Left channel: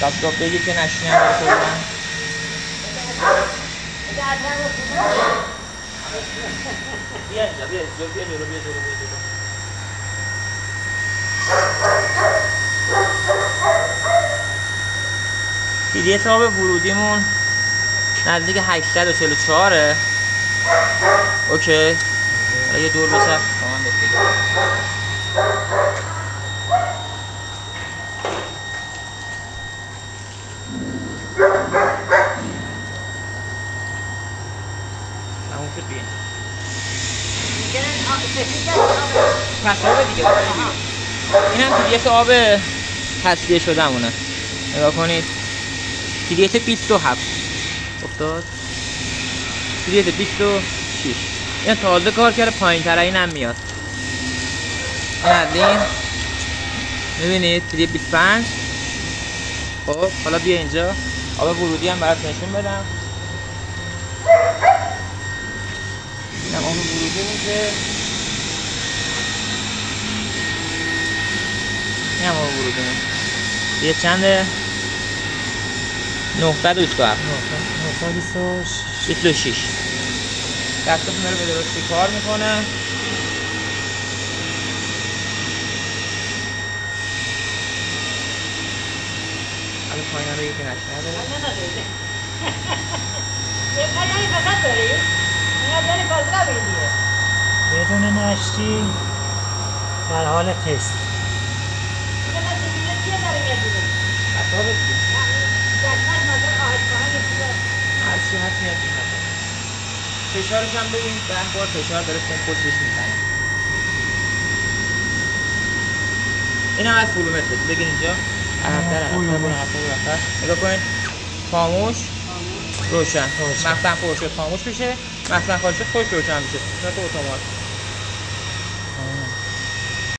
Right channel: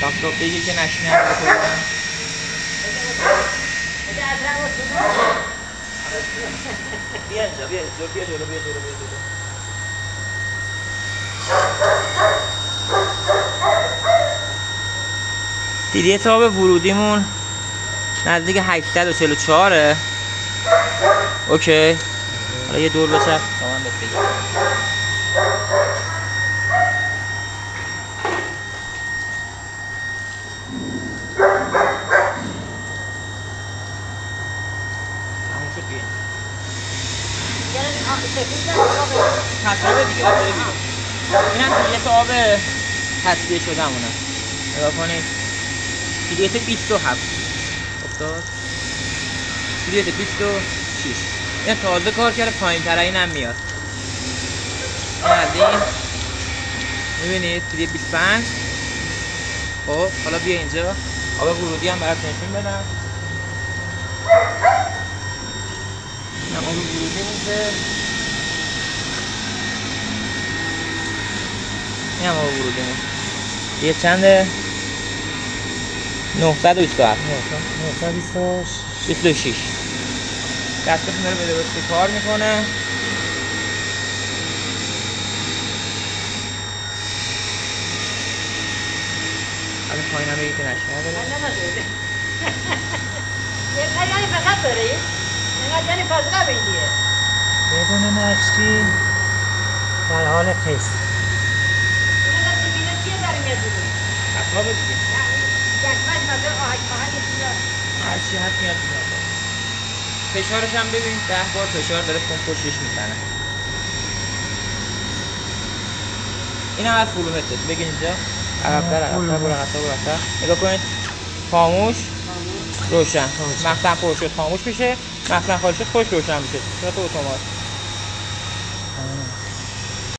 داب بگیر که نشینم بکنم. بیا جلو. پیری تاب ورودیمون نزدیک 844. اوکی. حالا یه دور بچرخ با من بگیر. این هم پیریت آب تصفیه شده همونه. نگاه کنید پیریت 27 افتاد. پیریت 26 این تازه کار کرده، پایین تر این هم میاد. این میبینید پیریت 25. خب حالا بیا اینجا آب ورودی هم برات نشون بدم. این آب ورودی میشه. این هم آب ورودی میشه. یه چنده؟ 927 926 دستتون داره به درستی کار میکنه. حالا پایین هم بگید که نشنه داره. یعنی فقط داری؟ یعنی فضا بگیره بدون نشتی در حال تست. فشارش هم ببین 10 بار فشار داره پشتش میزنه. این هم از فولومترش بگین اینجا عقب‌تر نگاه کنید. خاموش روشن. مخزن پر شد خاموش میشه، مخزن خالی شد خودش روشن میشه. یا تو اتومات